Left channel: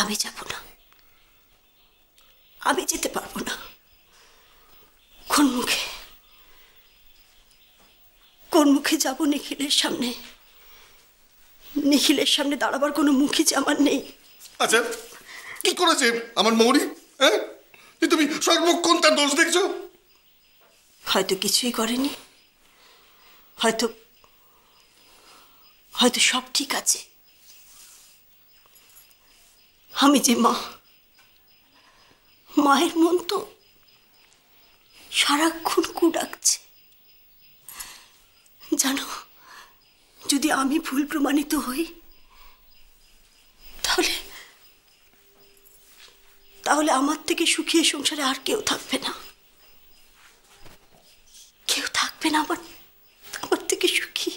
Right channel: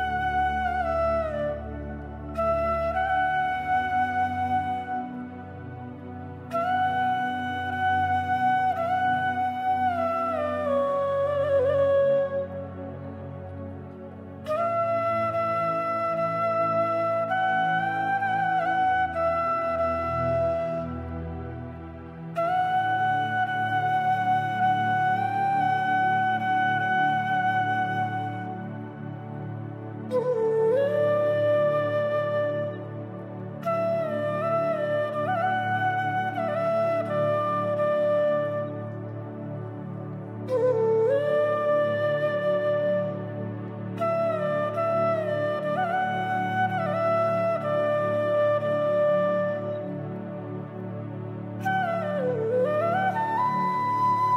আমি যাব না, আমি যেতে পারবো না। কোন মুখে যাব নিখিলের সামনে? নিখিলের সামনে দাঁড়াবার কোনো মুখই যে আমার নেই। আচ্ছা, কি করেছে আমার মৌরি? হ্যাঁ, তুমি সর্বক্ষণ তার দোষ দেখছো? হয়তো কিছুই করেনি, হয়তো সব ঠিক আছে। আমি যে মা, মায়ের মন তো সারাক্ষণ কু ডাকছে। জানো, যদি আমি ভুল প্রমাণিত হই তাহলে আমার থেকে সুখী সংসারে আর কেউ থাকবে না, কেউ থাকবে না আমার থেকে সুখী।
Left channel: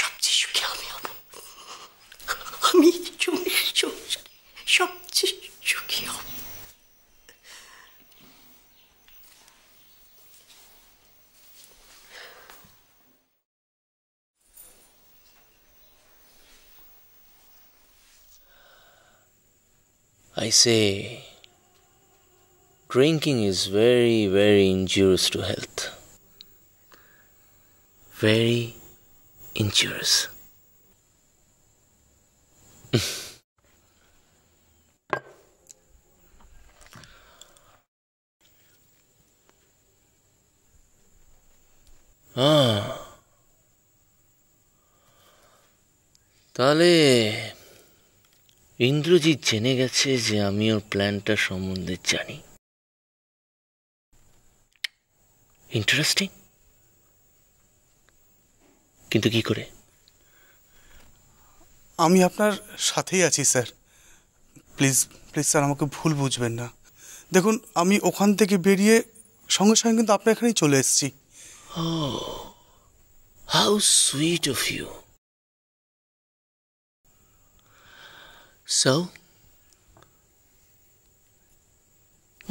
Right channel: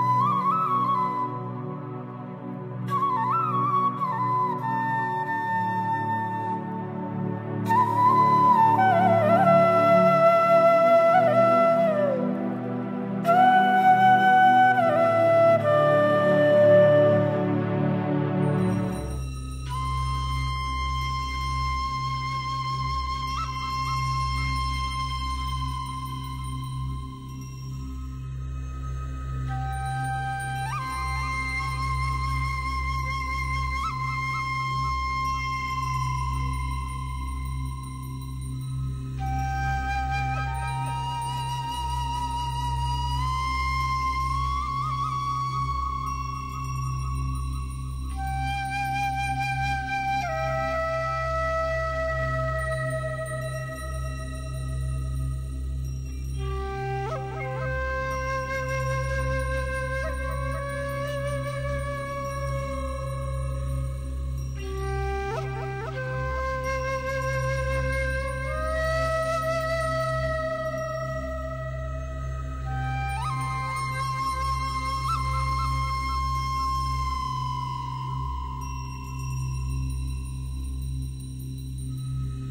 সবচেয়ে সুখী আমি হব, আমি সবচেয়ে সুখী হব। I say, drinking is very, very injurious to health. Very injurious. তাহলে ইন্দ্রজিৎ জেনে গেছে যে আমি ওর প্ল্যানটা সম্বন্ধে জানি। ইন্টারেস্টিং, কিন্তু কি করে? আমি আপনার সাথেই আছি স্যার। প্লিজ প্লিজ স্যার, আমাকে ভুল বুঝবেন না। দেখুন, আমি ওখান থেকে বেরিয়ে সঙ্গে সঙ্গে কিন্তু আপনার এখানেই চলে এসেছি। How sweet of you. So,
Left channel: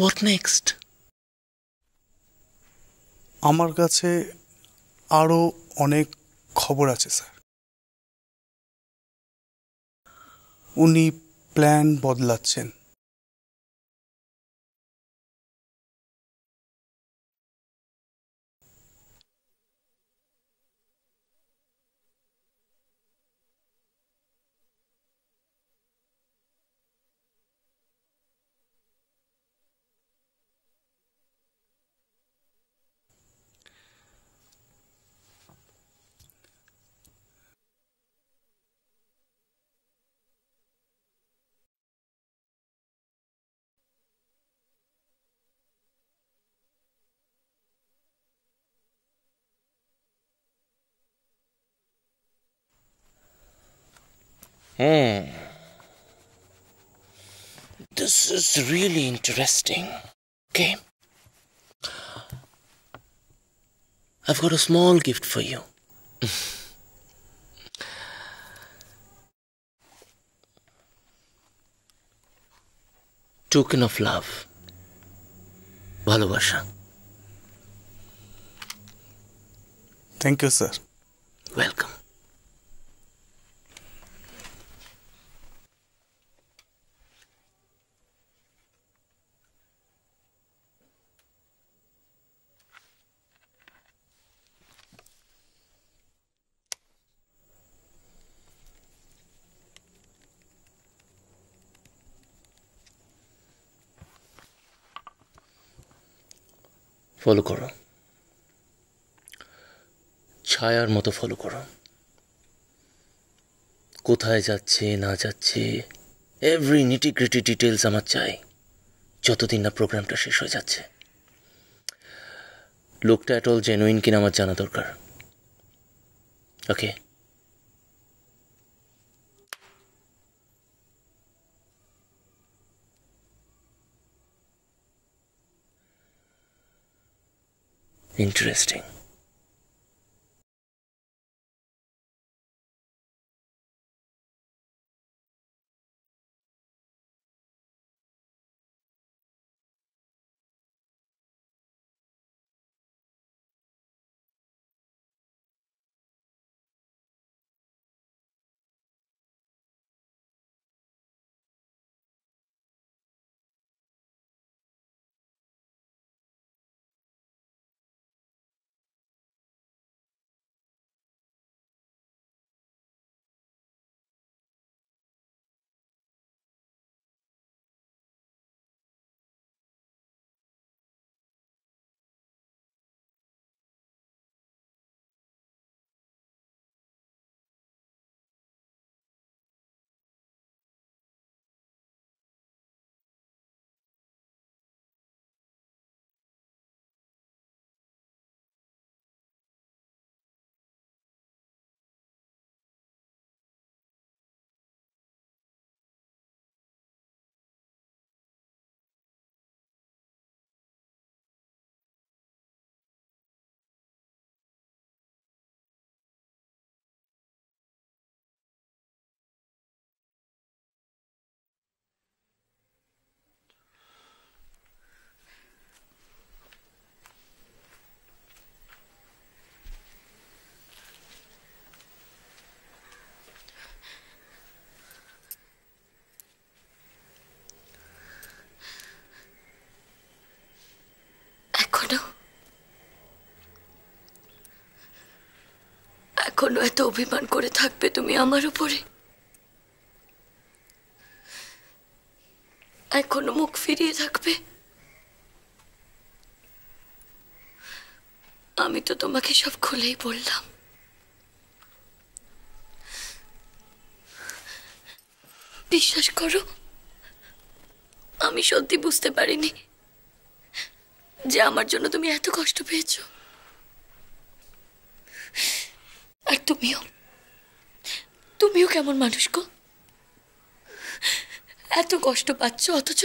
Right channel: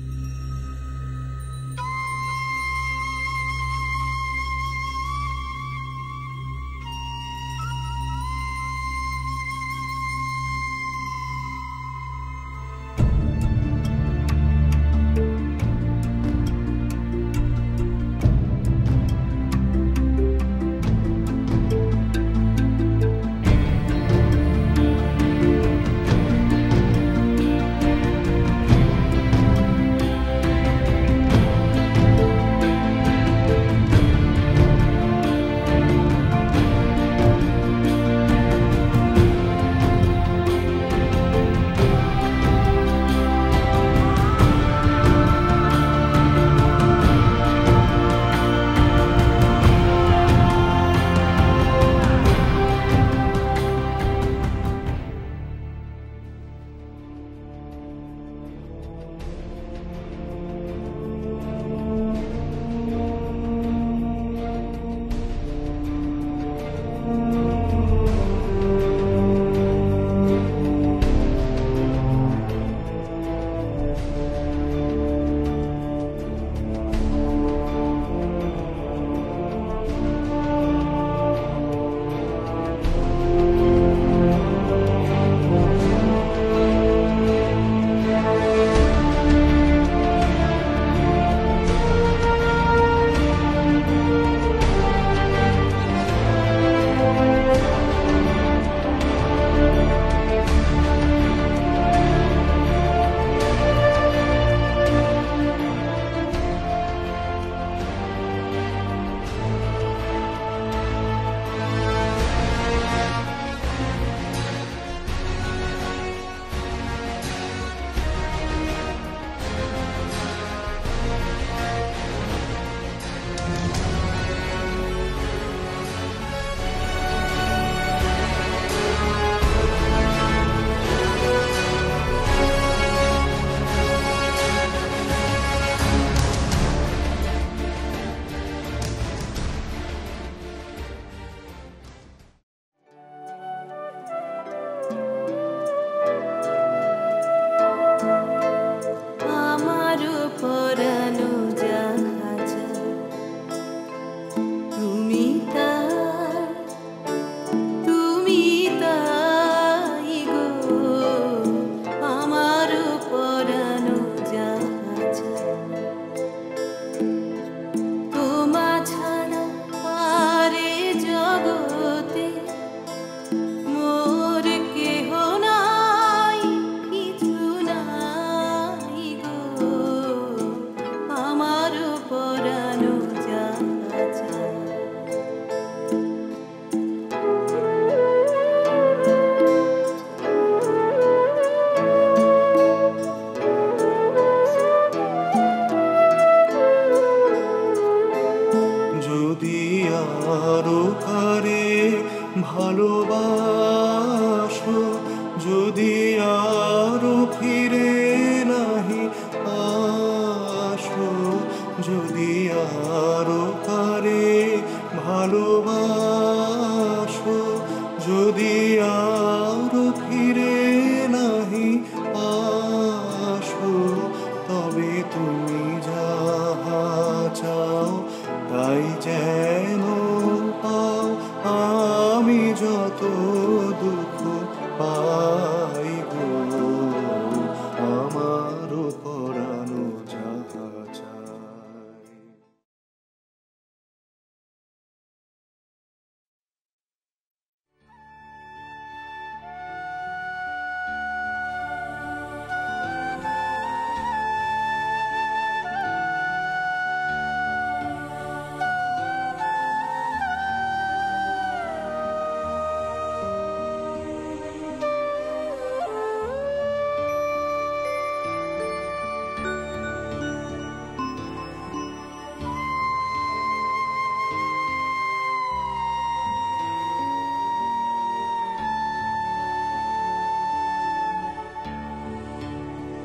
what next? আমার কাছে আরো অনেক খবর আছে স্যার। উনি plan বদলাচ্ছেন। This is really interesting. Okay. I've got a small gift for you. Token of love. ভালোবাসা। Thank you, sir. Welcome. Follow করো, ছায়ার মতো ফলো করো। কোথায় যাচ্ছে না যাচ্ছে এভরি নিটি-গ্রিটি ডিটেলস আমার চাই, যতদিন না প্রোগ্রামটা শেষ হয়ে যাচ্ছে। লোকটা এত জেনুইন কিনা আমার জানা দরকার। ওকে? Interesting. এত অভিমান করে থাকবে তুমি আমার উপরে? এখনো মুখ ফিরিয়ে থাকবে? আমি তো তোমাকে সব খুলেই বললাম। বিশ্বাস করো, আমি সত্যি বুঝতে পারিনি যে আমার জন্য তুমি এত কষ্ট পেয়েছো। আর তুমিও কেমন মানুষ গো? এত কষ্ট পাচ্ছ অথচ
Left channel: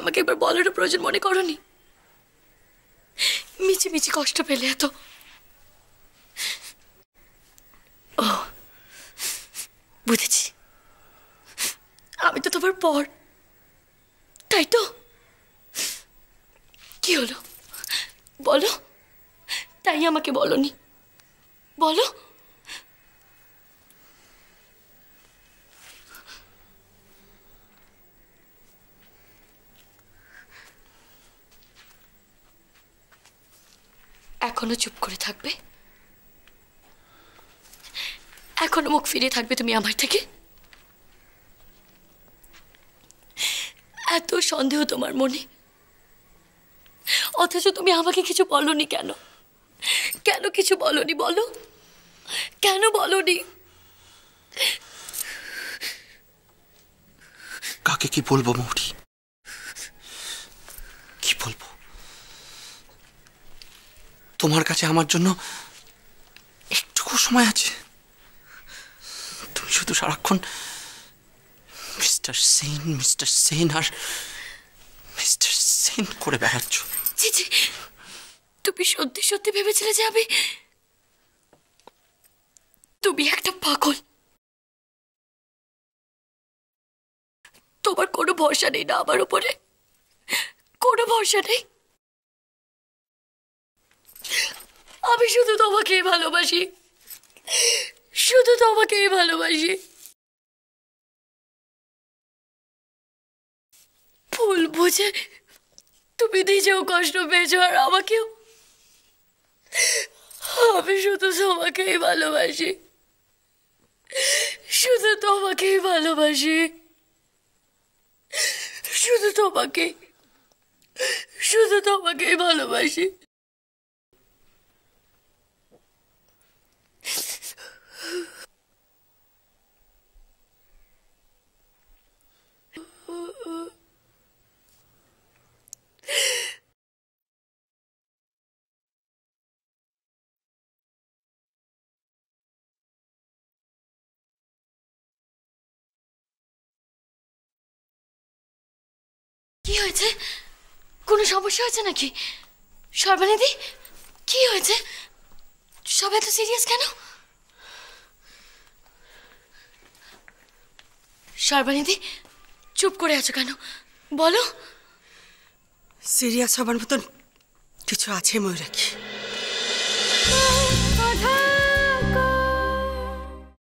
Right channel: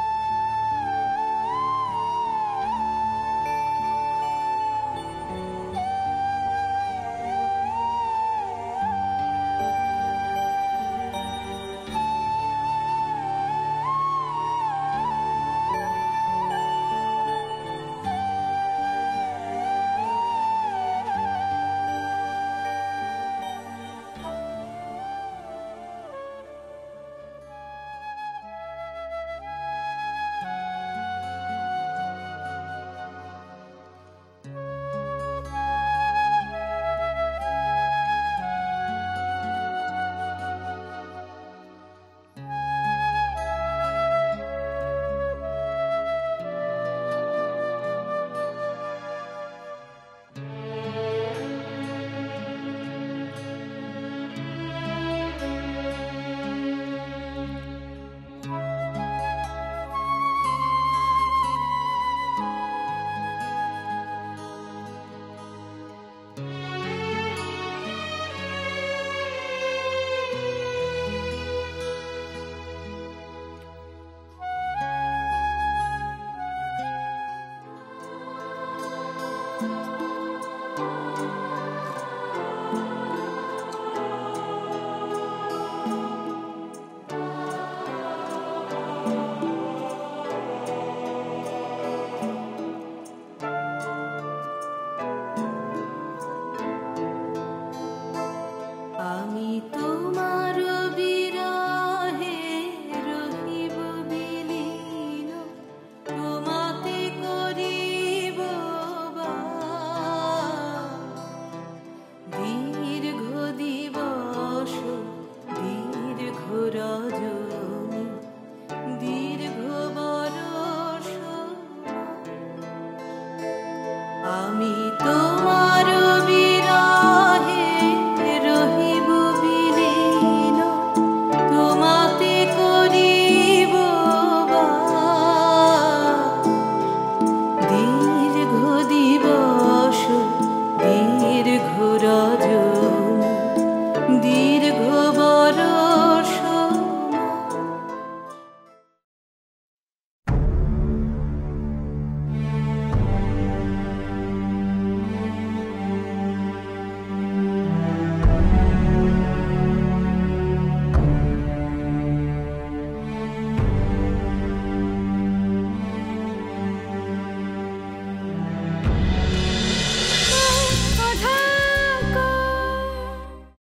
আমাকে এবার বলার প্রয়োজন মনে করনি? মিছি মিছি কষ্ট পেলে এত? ও বুঝেছি, আমি তো তোমার পর, তাই তো? কি হলো বলো, তাই আমাকে বলনি? বলো। এখনো চুপ করে থাকবে? এখনো মুখ ফিরিয়ে থাকবে তুমি আমার থেকে? এত সন্দেহ তোমার মনে, অথচ তুমি আমাকে কিছু বলনি কেন? কেন কিছু বলনি বলো? কেন বলনি? কাকে কি বলবো মৌরি, কি বলবো? তোমার কাছে আমার জন্য একটুকু সময় আছে? তুমি শুধু সারাক্ষণ মিস্টার সেন আর মিস্টার সেন করে বেড়াচ্ছ। তুমি সত্যি সত্যি ভেবেছিলে যে তুমি একটা পাগল? তোমার কোনো ভরসা নেই না আমার উপরে? কোনো ভরসা নেই? আমি শুধু তোমাকেই ভালোবাসি, শুধু তোমাকেই ভালোবাসি। ভুল বুঝে তুমি নিজেও কষ্ট পেয়েছো আর আমাকেও। আমি শুধু তোমাকেই ভালোবাসি, শুধু তোমাকেই ভালোবাসি, শুধু তোমাকেই ভালোবাসি। আমি তোমার বিরহে রহিব বিলীন, তোমাতে করিব বাস। দীর্ঘ দিবস দীর্ঘ রজনী দীর্ঘ বরষ। কি হয়েছে? কোনো সমস্যা হয়েছে নাকি সর্বানিধি? কি হয়েছে? সবাই তো সিরিয়াস কেন? সর্বানিধি চুপ করে আছো কেন? বলো। সিরিয়াস হবার মতন কিছু আছে ময়ূরাক্ষী?